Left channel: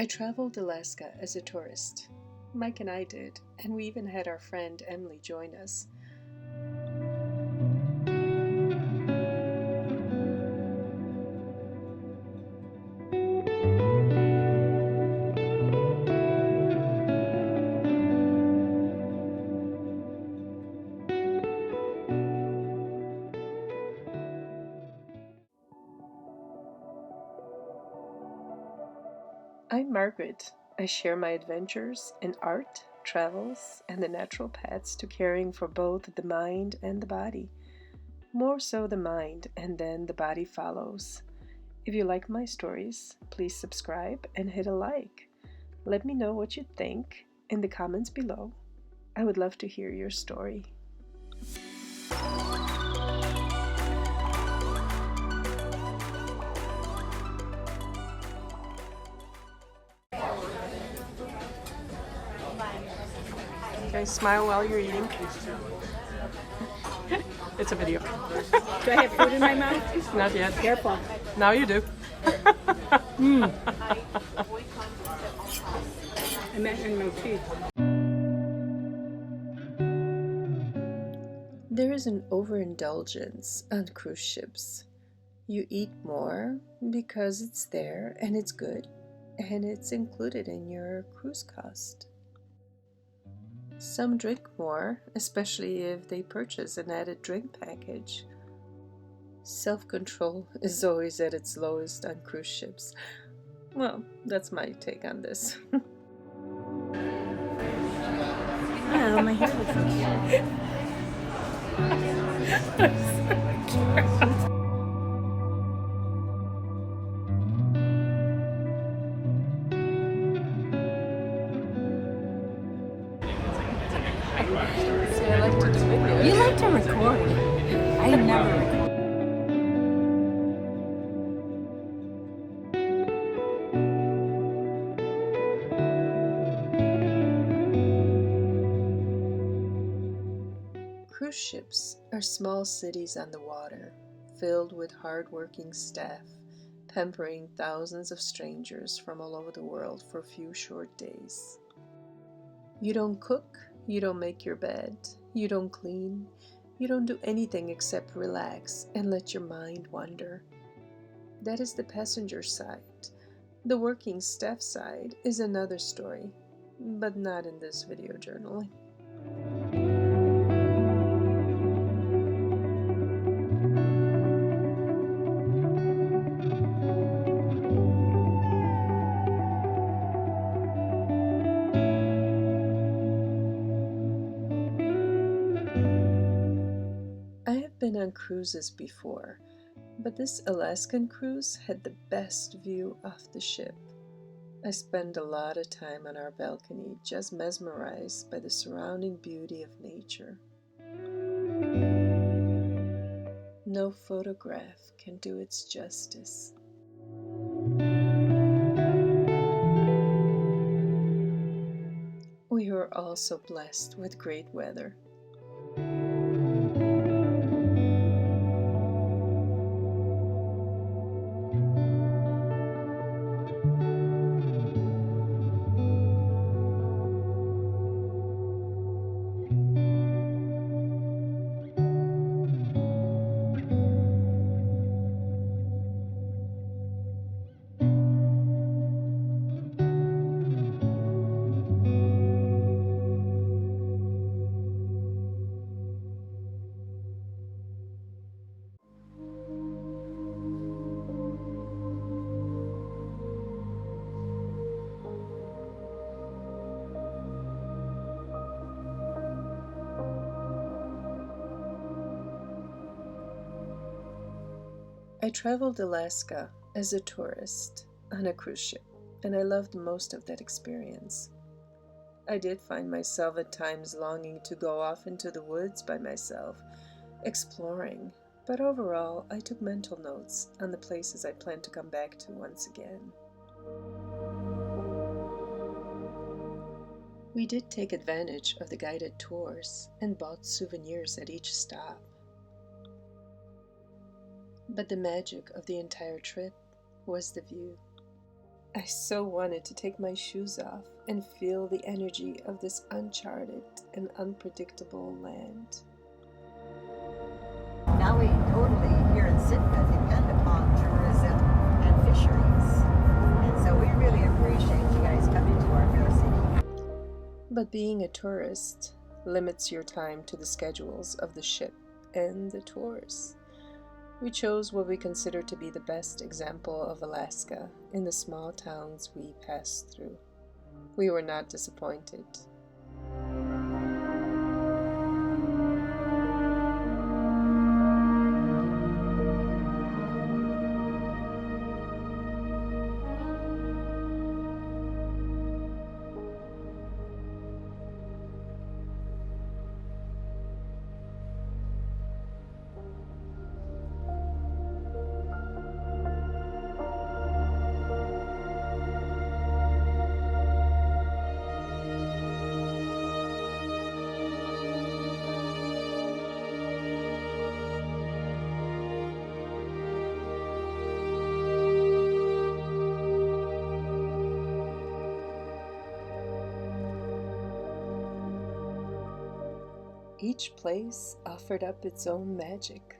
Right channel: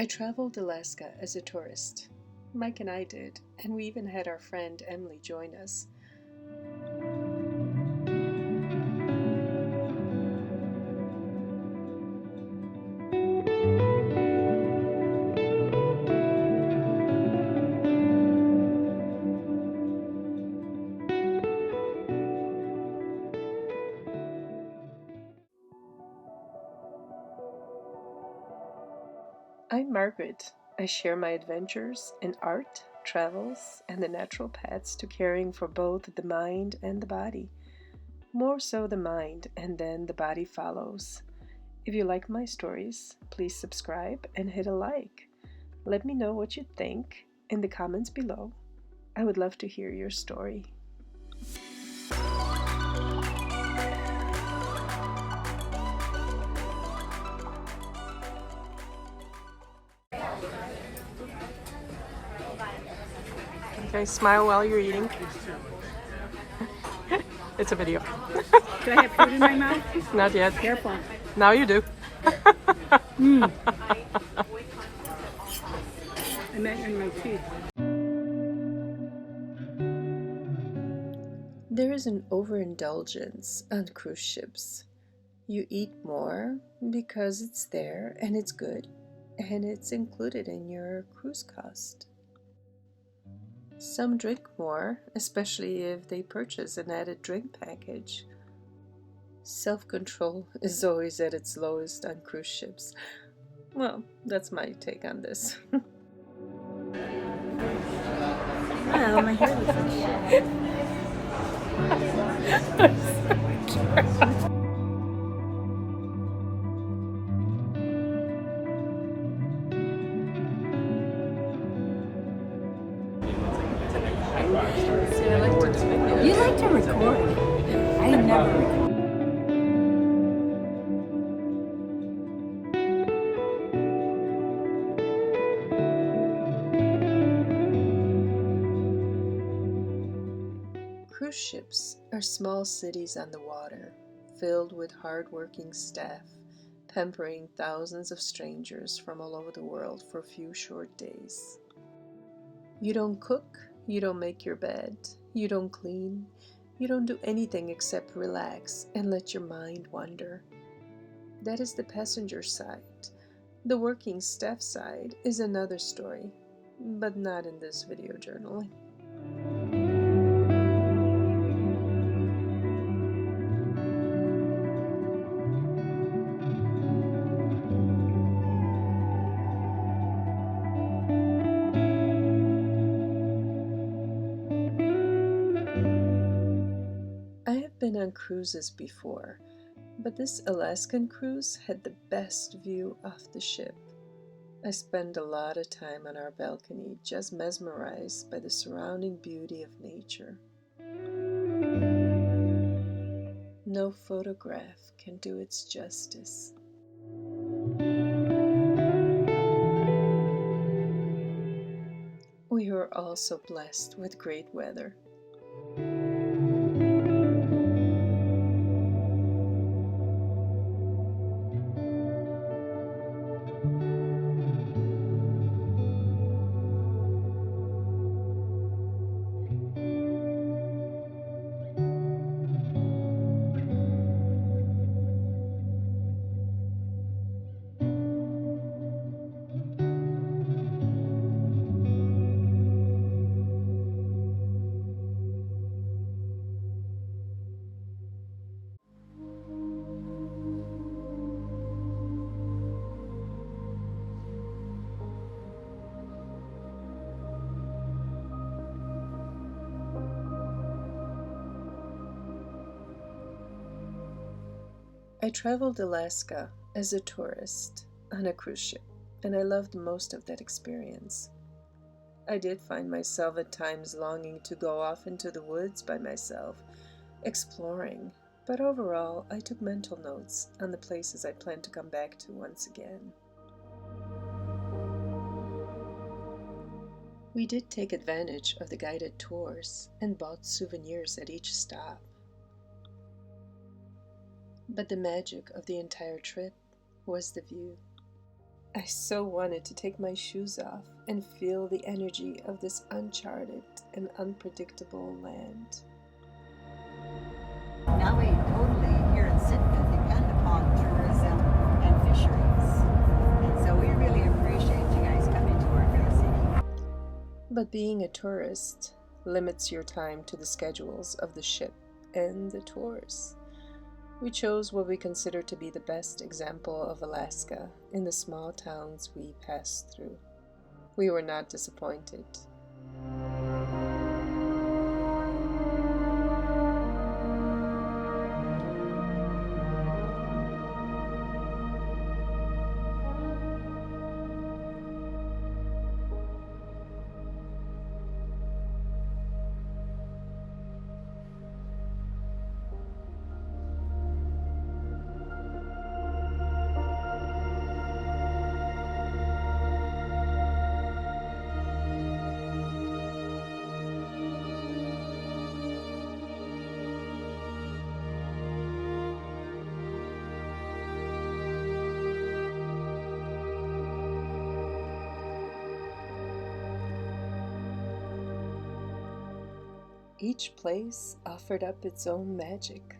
I traveled Alaska as a tourist. Mike and I did, and we even had our friend Emily join us. I'm Margaret. I share my adventures in art, travels, and the natural paths to caring for both the mind and the body. More so the mind, and then the body follows. If you like my stories, please subscribe and hit a like. Let me know what you think in the comments below. I would love to hear your story. Okay, smile while you're eating. It's a video. Do I have food in my mouth? Not yet. Careful. Now you do. I meant in my teeth. There is an overindulgence on cruise ships. You eat more because it's there and it's good, and it's included in your cruise cost. Some drink more, especially if they purchase an added drink package. Self-control is always at its lowest on cruise ships. Well, that's my take on this. Oh, my hair looks like shit. See, I like to do videos. You like to record. I never record. Cruise ships are small cities on the water, filled with hard-working staff, pampering thousands of strangers from all over the world for a few short days. You don't cook, you don't make your bed, you don't clean, you don't do anything except relax and let your mind wander. That is the passenger side. The working staff side is another story, but not in this video journaling. I have been on cruises before, but this Alaskan cruise had the best view off the ship. I spent a lot of time on our balcony, just mesmerized by the surrounding beauty of nature. No photograph can do its justice. We were also blessed with great weather. I traveled Alaska as a tourist on a cruise ship, and I loved most of that experience. I did find myself at times longing to go off into the woods by myself, exploring, but overall I took mental notes on the places I plan to come back to once again. We did take advantage of the guided tours and bought souvenirs at each stop. But the magic of the entire trip was the view. I so wanted to take my shoes off and feel the energy of this uncharted and unpredictable land. Now we totally, here in Sitka, depend upon tourism and fisheries. And so we really appreciate you guys coming to our fair city. But being a tourist limits your time to the schedules of the ship and the tours. We chose what we consider to be the best example of Alaska in the small towns we passed through. We were not disappointed. Each place offered up its own magic.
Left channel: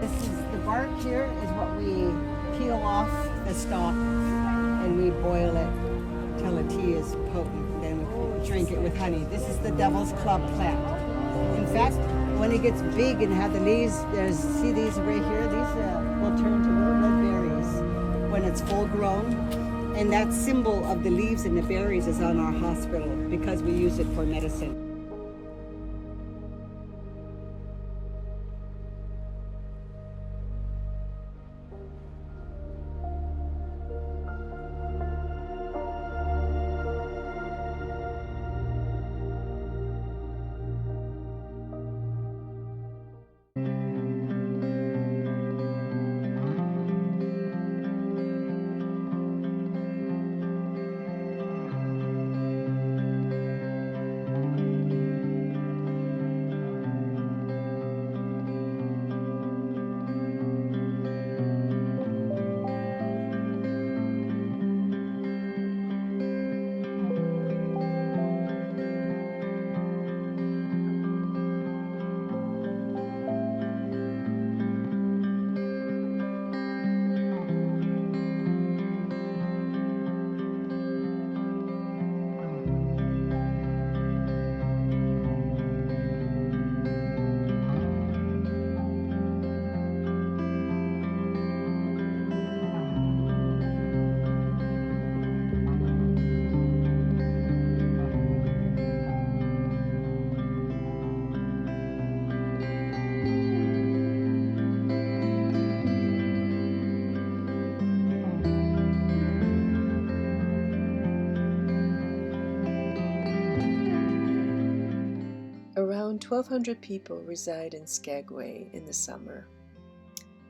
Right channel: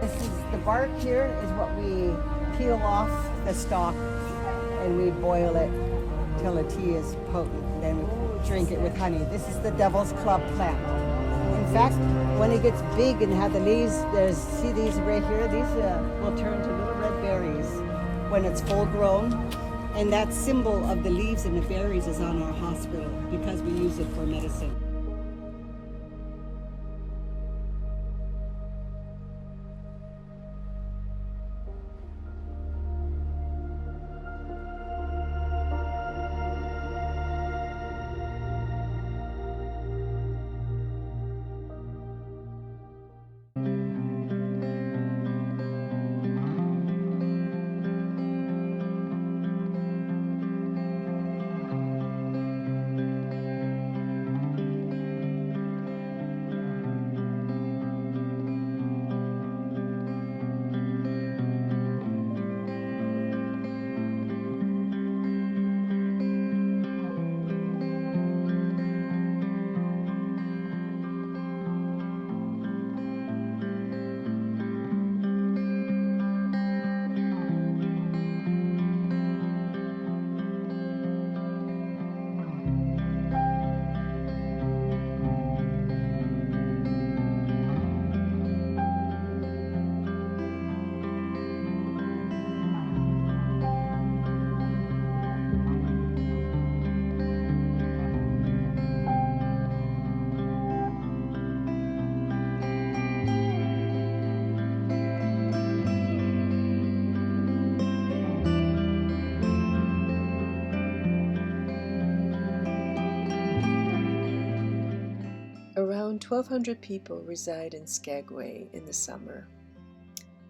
This is the bark here is what we peel off the stalk and we boil it till the tea is potent. Then we drink it with honey. This is the devil's club plant. In fact, when it gets big and have the leaves, see these right here? These will turn to little red berries when it's full grown. And that symbol of the leaves and the berries is on our hospital because we use it for medicine. Around 1,200 people reside in Skagway in the summer.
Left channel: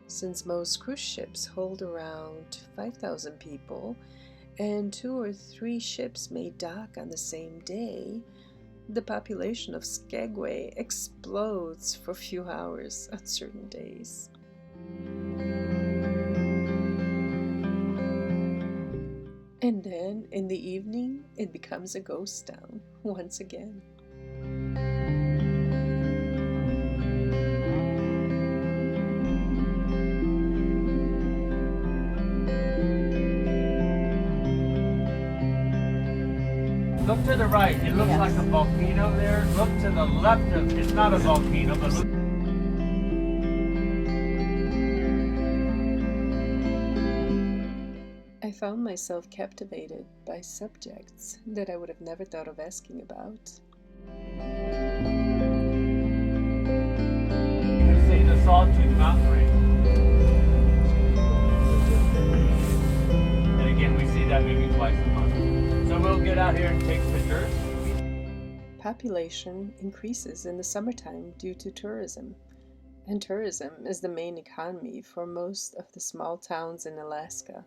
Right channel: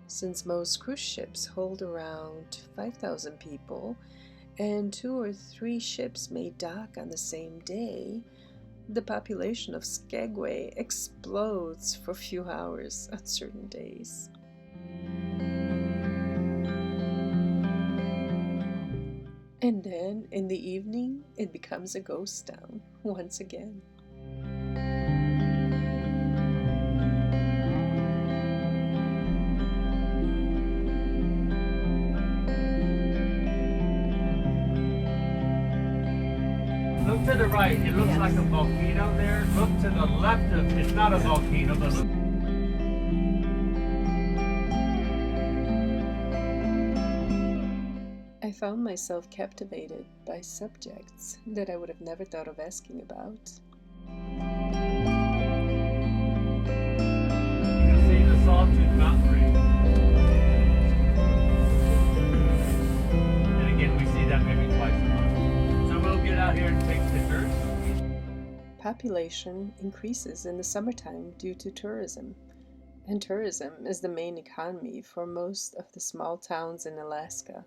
Since most cruise ships hold around 5,000 people and 2 or 3 ships may dock on the same day, the population of Skagway explodes for a few hours on certain days. And then in the evening, it becomes a ghost town once again. Look to the right. It looks like a volcano there. Look to the left of it's not a volcano, but look. I found myself captivated by subjects that I would have never thought of asking about. You can see the Sawtooth Mountain range. And again, we see that maybe twice a month. So we'll get out here and take pictures. Population increases in the summertime due to tourism, and tourism is the main economy for most of the small towns in Alaska.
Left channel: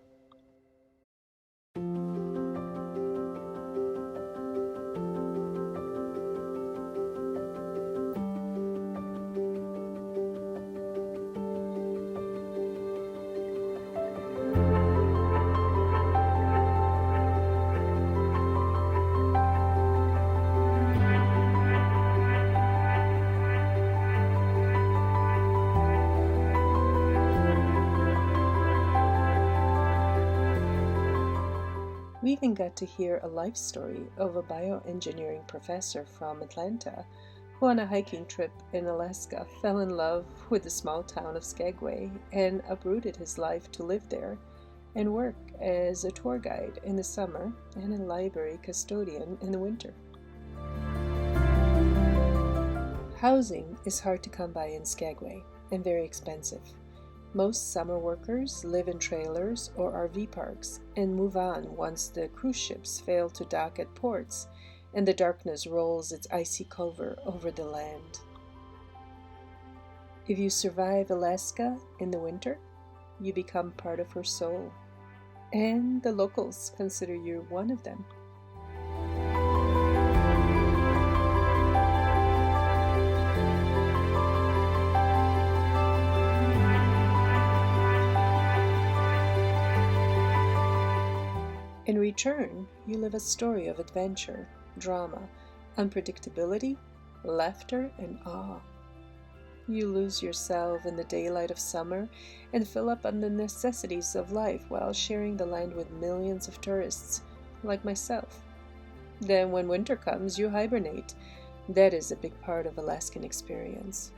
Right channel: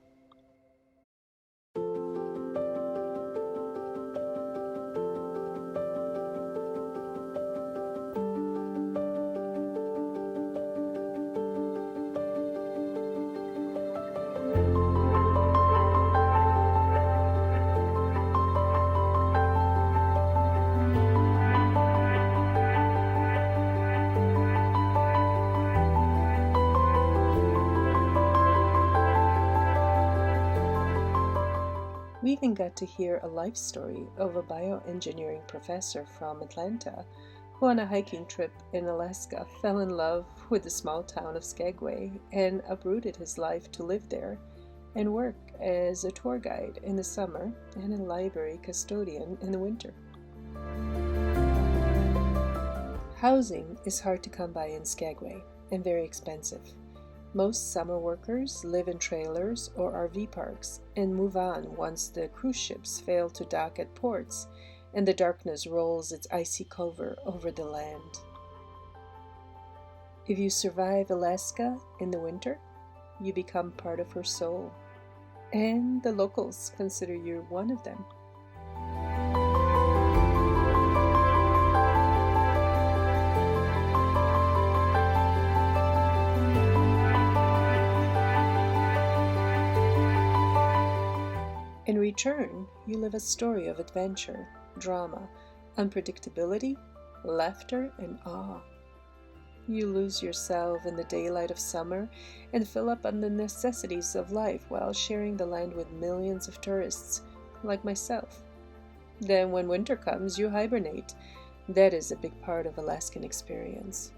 We even got to hear a life story of a bioengineering professor from Atlanta who on a hiking trip in Alaska fell in love with the small town of Skagway and uprooted his life to live there and work as a tour guide in the summer and a library custodian in the winter. Housing is hard to come by in Skagway and very expensive. Most summer workers live in trailers or RV parks and move on once the cruise ships fail to dock at ports and the darkness rolls its icy cover over the land. If you survive Alaska in the winter, you become part of her soul, and the locals consider you one of them. In return, you live a story of adventure, drama, unpredictability, laughter, and awe. You lose yourself in the daylight of summer and fill up on the necessities of life while sharing the land with millions of tourists, like myself. Then when winter comes, you hibernate. That is a big part of Alaskan experience.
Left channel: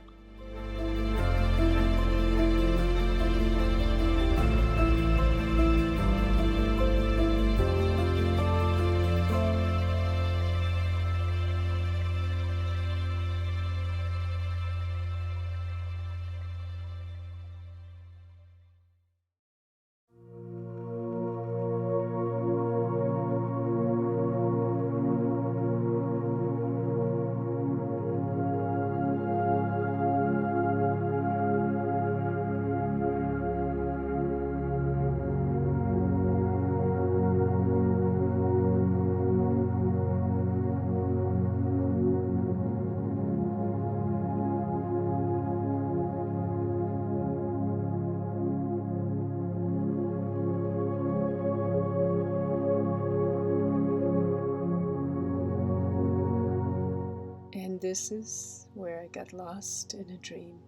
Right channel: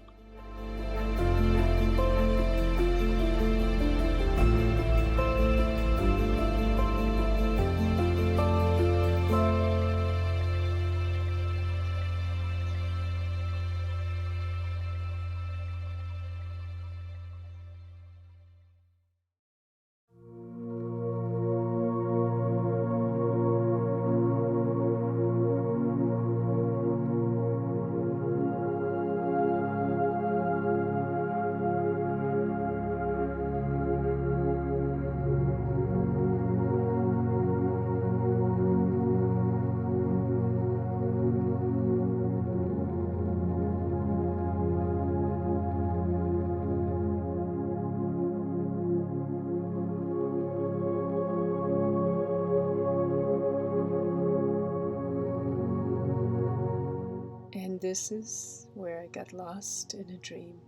And this is where I got lost in a dream.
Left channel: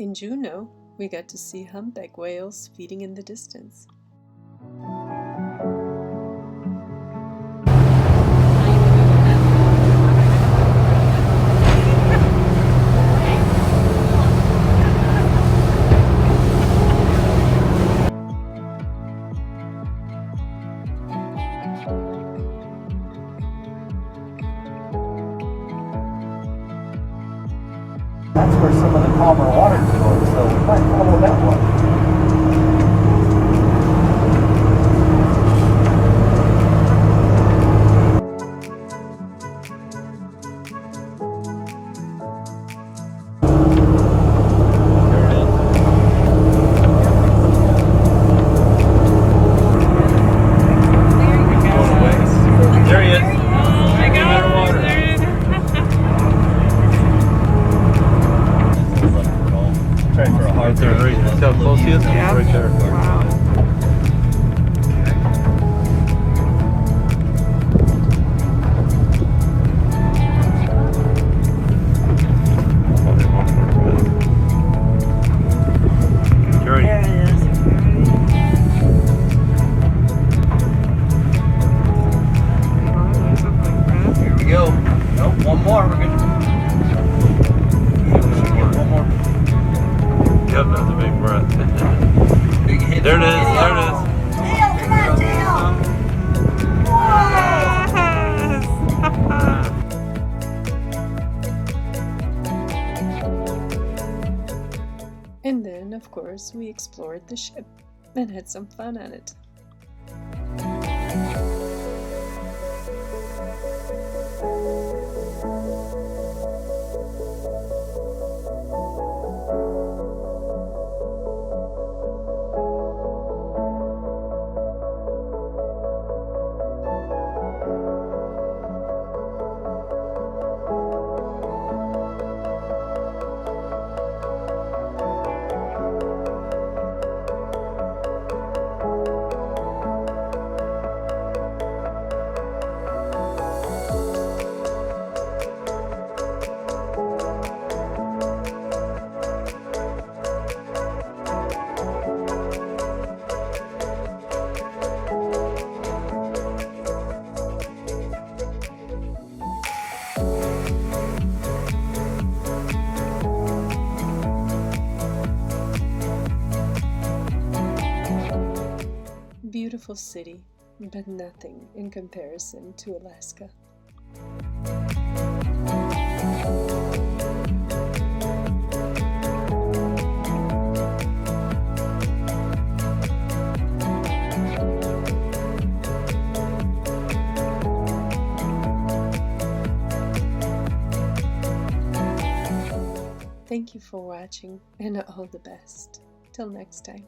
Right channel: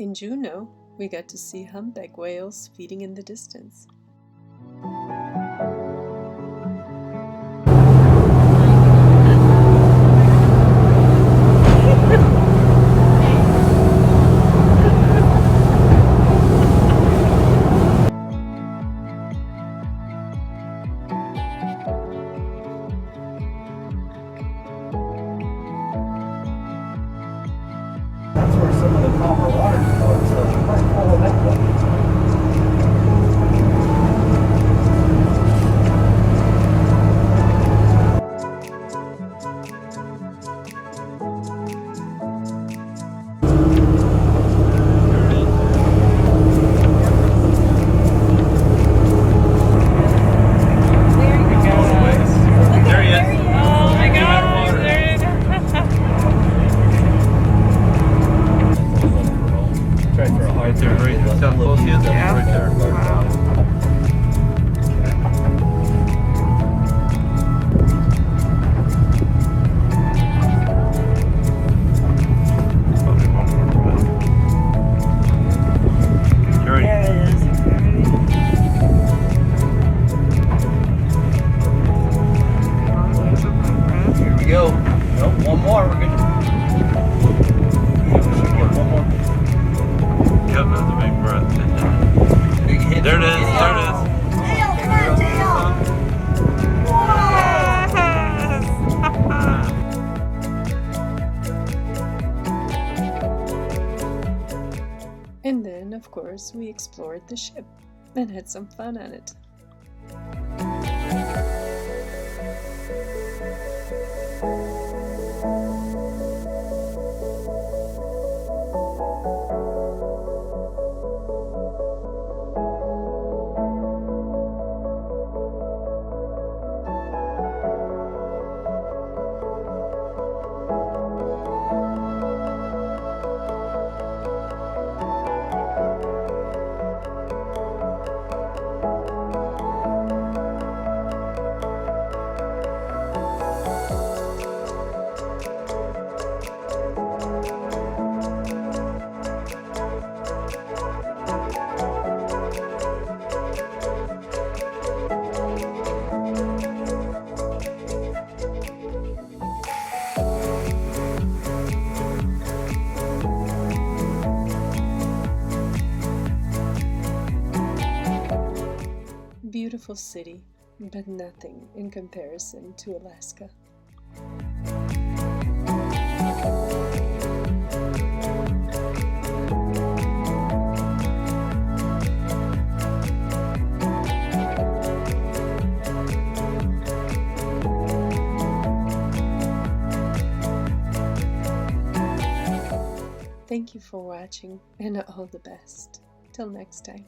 In Juneau, we got to see humpback whales feeding in the distance. That's where some of the calmer water is going, so we might follow that one. There he is. Oh my God! Try for a hard turn. Right there. See how close he is? Yeah. Right there. Wow. Probably one more breath. There it is. Here we go. Nope, one more. We're good. One more. Yep, that's a big breath. Big hit. There it is. There it is. Tail, come on, tail. And then, of course, we explored the ship and had some fun on it. Beautiful city, but nothing in comparison to Alaska. Thank you for watching, and all the best. Till next time.